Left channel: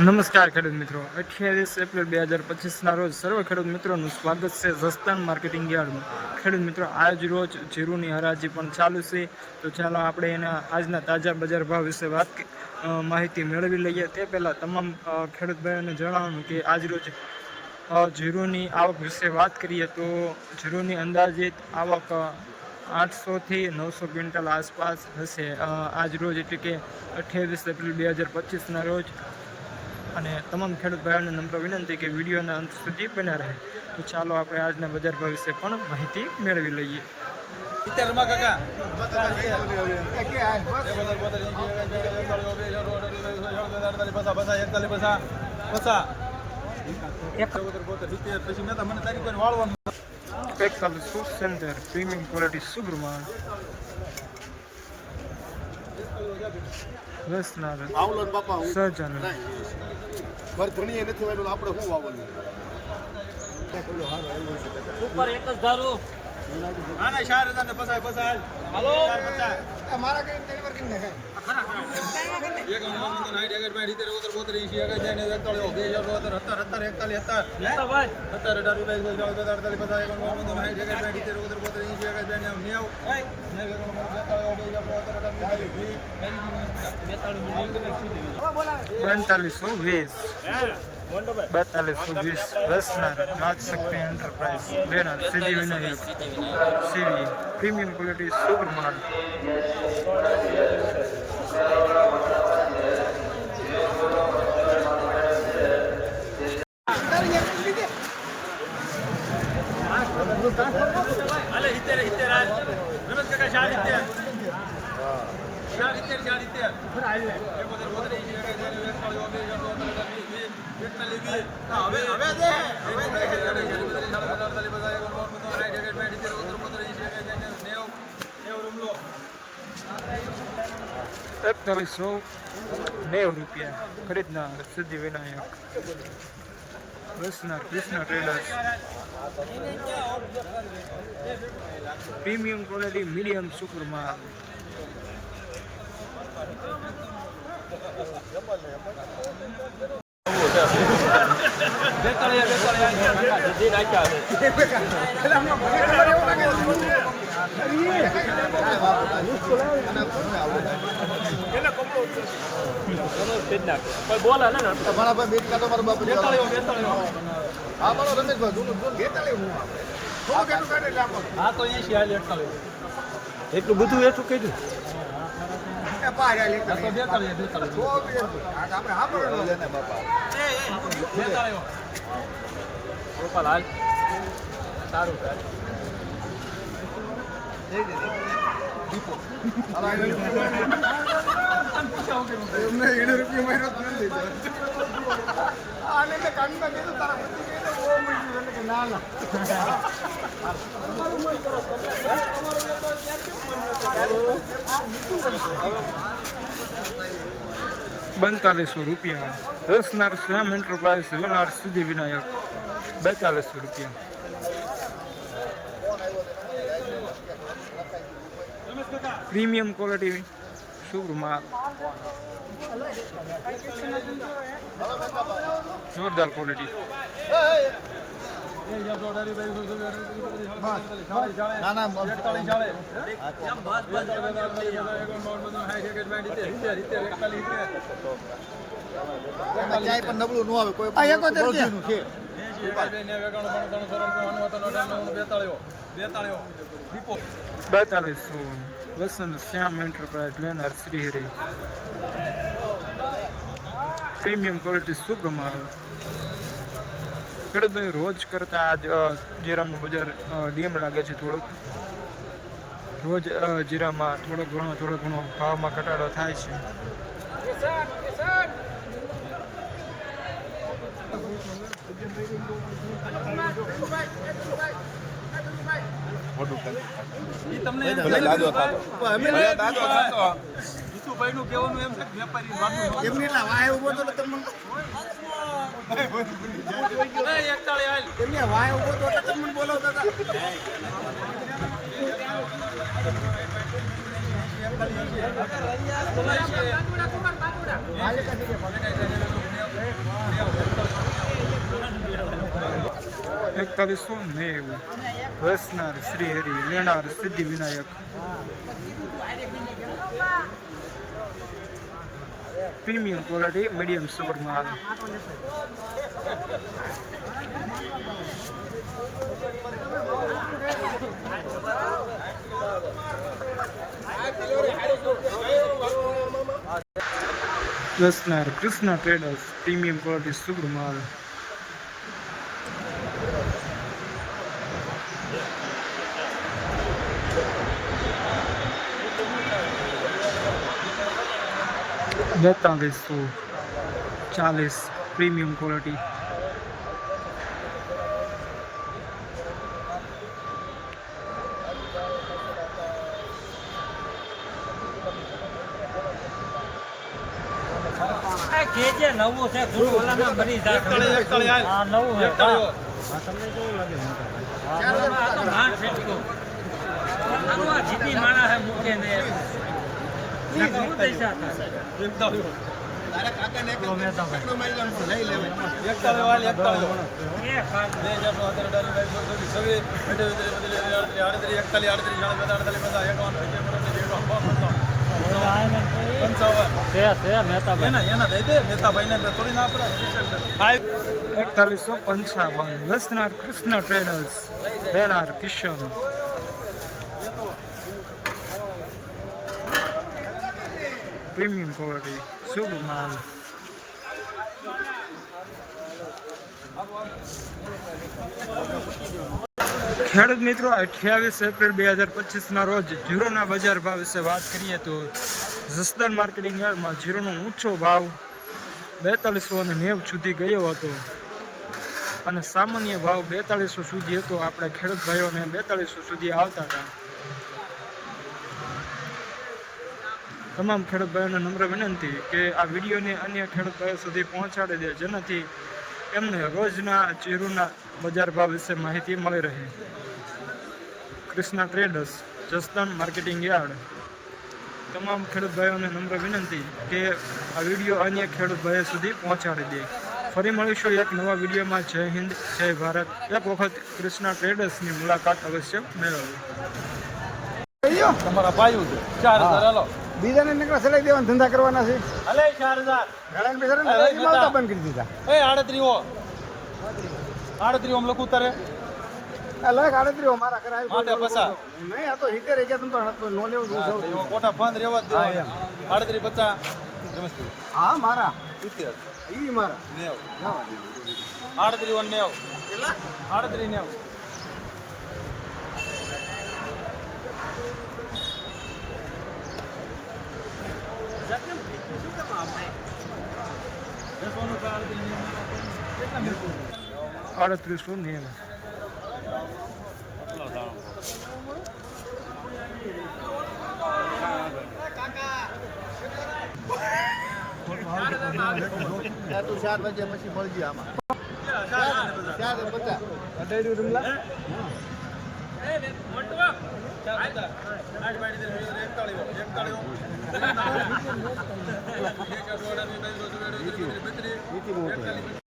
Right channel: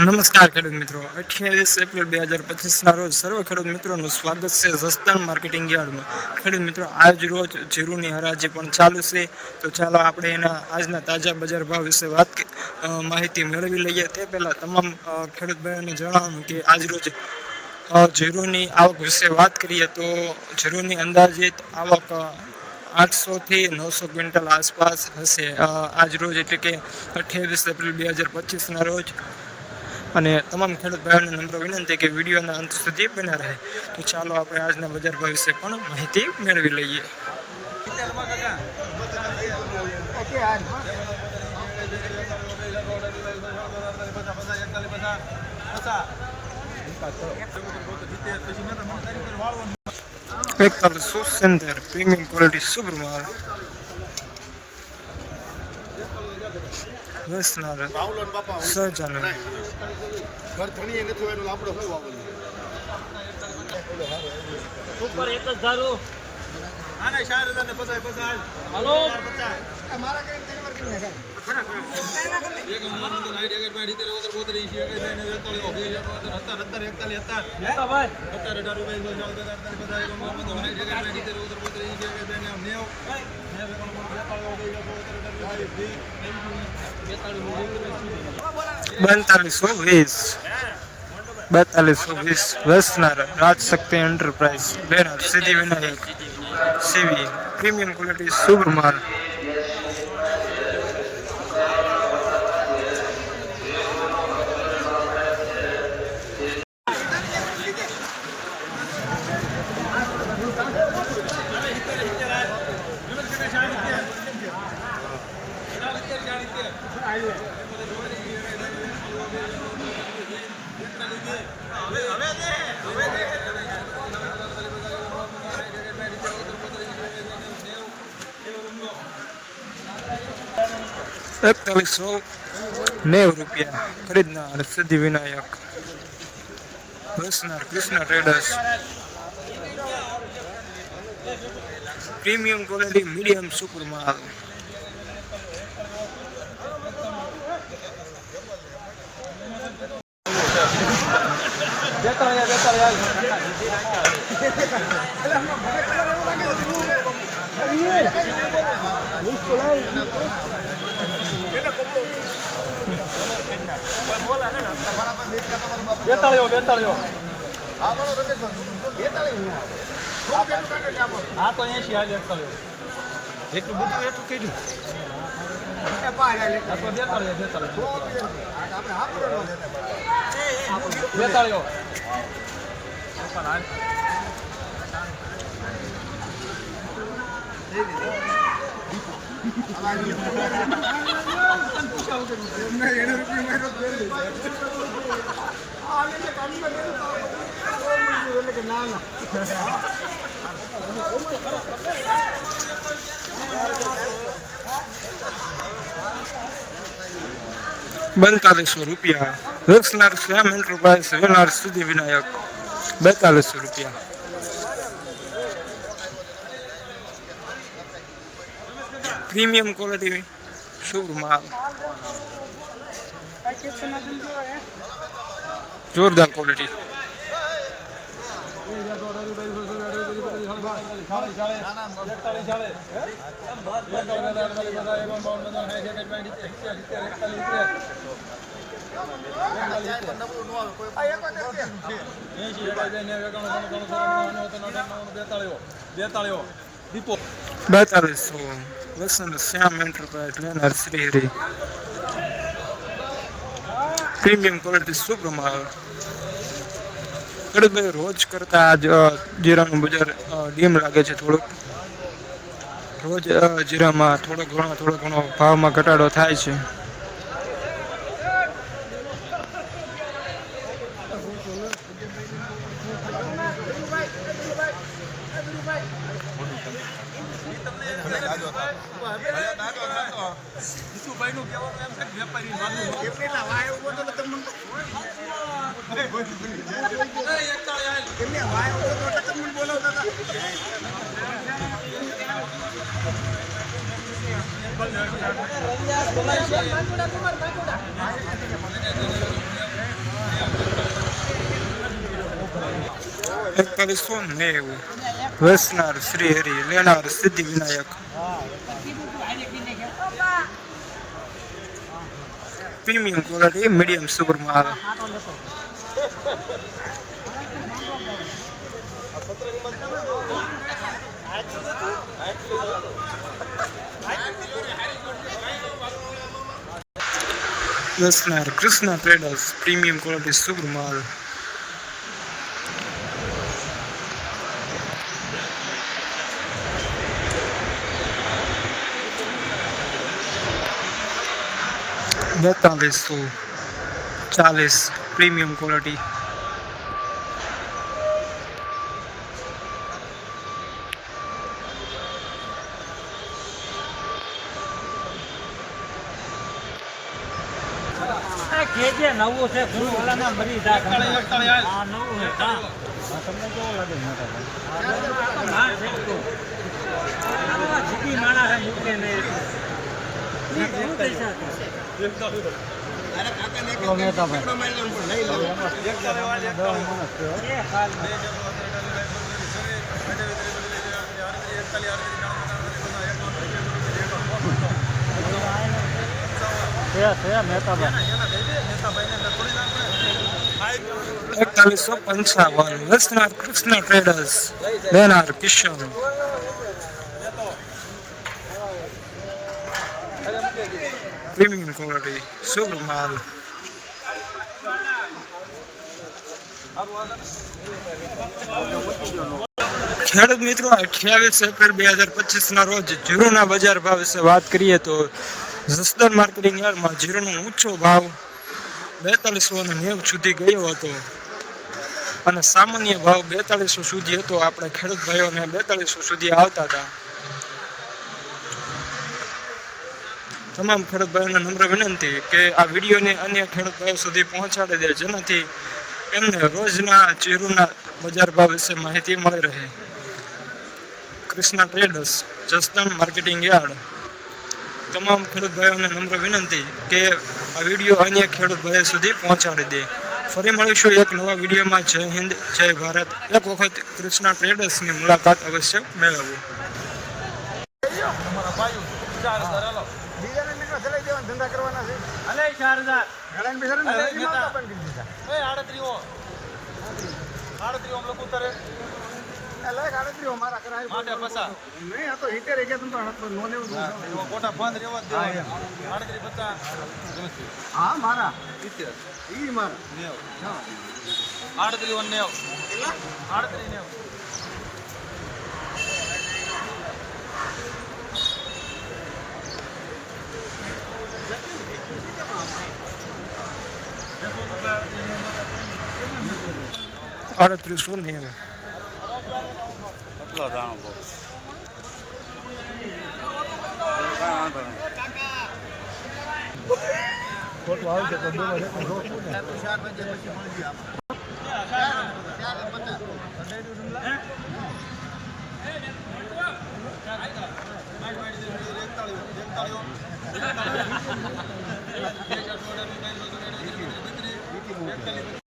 નમસ્કાર ખેડૂત મિત્રો, 28 એપ્રિલ 2025ના રોજ સર્વ ખેડૂત મિત્રોનું સ્વાગત છે જસદણ માર્કેટિંગ યાર્ડમાં. ખેડૂત મિત્રો, આજ રોજ જીરુની હરાજી પણ ચાલુ છે, તો ચાલો આપણે એના આજના તાજા બજાર ભાવ વિશે માહિતી મેળવી લઈએ. તે પહેલાં તમામ ખેડૂત ભાઈઓને જણાવવાનું કે આજ રોજ જીરુની આવક વિશે વાત કરીએ તો જીરુની અંદાજિત આવક 800 થી 900 ક્વિન્ટલ આસપાસ હશે આજ રોજ, એટલે કે 28 એપ્રિલ 2025ના રોજ. અને તમામ ખેડૂત ભાઈઓને નમ્ર વિનંતી કે વિડીયોના અંત સુધી બન્યા રહે. તો ચાલો આપણે આજના બજાર ભાવ વિશે પણ માહિતી મેળવી લઈએ. પ્રીમિયમ ક્વોલિટી સુપર માલ વસનાર સહજાન સુપર એક જ ધારું આના 4000 ને 50 હાલો વસનાર રાજશક્તિ એન્ટરપ્રાઇઝ લેનાર Siddhivinayak CV premium quality super માલ. ₹4190 ખરીદનાર સિદ્ધિવિનાયક વસનાર Krishna traders premium quality medium super માલ. એટલું બધું એટલું કેટલું ₹4200 વસનાર શ્યામ એન્ટરપ્રાઇઝ વેનાર સિદ્ધિવિનાયક ₹4200. પ્રીમિયમ ક્વોલિટી સુપર માલ, જોરદાર ક્વોલિટી. વસંત શ્યામ એન્ટરપ્રાઇઝ લેનાર શ્રીહરી પ્રીમિયમ ક્વોલિટી સુપર માલ. ખેડૂતભાઈ, રોજ કરતા આજ જીરાનું બજાર ડીમ લાગે છે. થોડુંક રોજ જીરામાં થોડો ઘણો ભાવમાં ઘટાડો થાય છે. 4190 વેસનાર શ્રી હરિ લેનાર Siddhi Vinayak premium quality medium super માલ. વેસનાર Krishna traders premium quality super માલ. બેતાલીસો 40 પ્રીમિયમ ક્વોલિટી. નવું છે બની તમને કેવું લાગે જીતી માણા મૂકે ને મહેતાભાઈ 4155 વેસનાર કૃષ્ણા ટ્રેડર્સ લેનાર કિશન. પ્રીમિયમ ક્વોલિટી સુપર માલ. ખેડૂત મિત્રો 28 એપ્રિલ 2025 રોજ જીરુના બજાર ભાવ વિશે વાત કરીએ તો જસદણ માર્કેટિંગ યાર્ડમાં જીરુનો ઊંચો ભાવ 4290 સુધી ગયો હતો અને સામાન્ય ભાવ 4200 સુધી હતો. આપણે ખેડૂત ભાઈઓને 4200 સુધી આવતા હતા. તમામ ખેડૂત ભાઈઓને નમ્ર વિનંતી કે આ વિડીયોને અન્ય ખેડૂત ભાઈઓ સુધી પહોંચાડી દે, જેનાથી એમને રોજના જીરુના બજાર ભાવ વિશે માહિતી મળી રહે. Krishna traders Jasdan marketing yard. તમામ ખેડૂત ભાઈઓને નમ્ર વિનંતી કે આ વિડીયો અન્ય ખેડૂત ભાઈઓ સુધી પહોંચાડી દે. ફરી મળીશું એક નવા વિડીયોમાં. જય હિન્દ, જય ભારત. એક વખત કૃષ્ણા ટ્રેડર્સની મુલાકાત અવશ્ય મેળવવી. અમારા ભાઈઓ છે 4000 હાલો બીજાને નીકળા સલાઈ દેવાના ધંધા કરવાના છે. અલે 4000 બંધ કરી દીધા. એ 38 આમ લખું તારે લાખ 38 મારા કરાય માટે પસા નહીં. આ તો 70 ગયા તું તો નો લેવું દઉં છું. કોઠા બંધ રહેવા દે 38 50 હા મારા 70 ઈ મારા 38 ને 38 ને અડત્રીસો નેવું.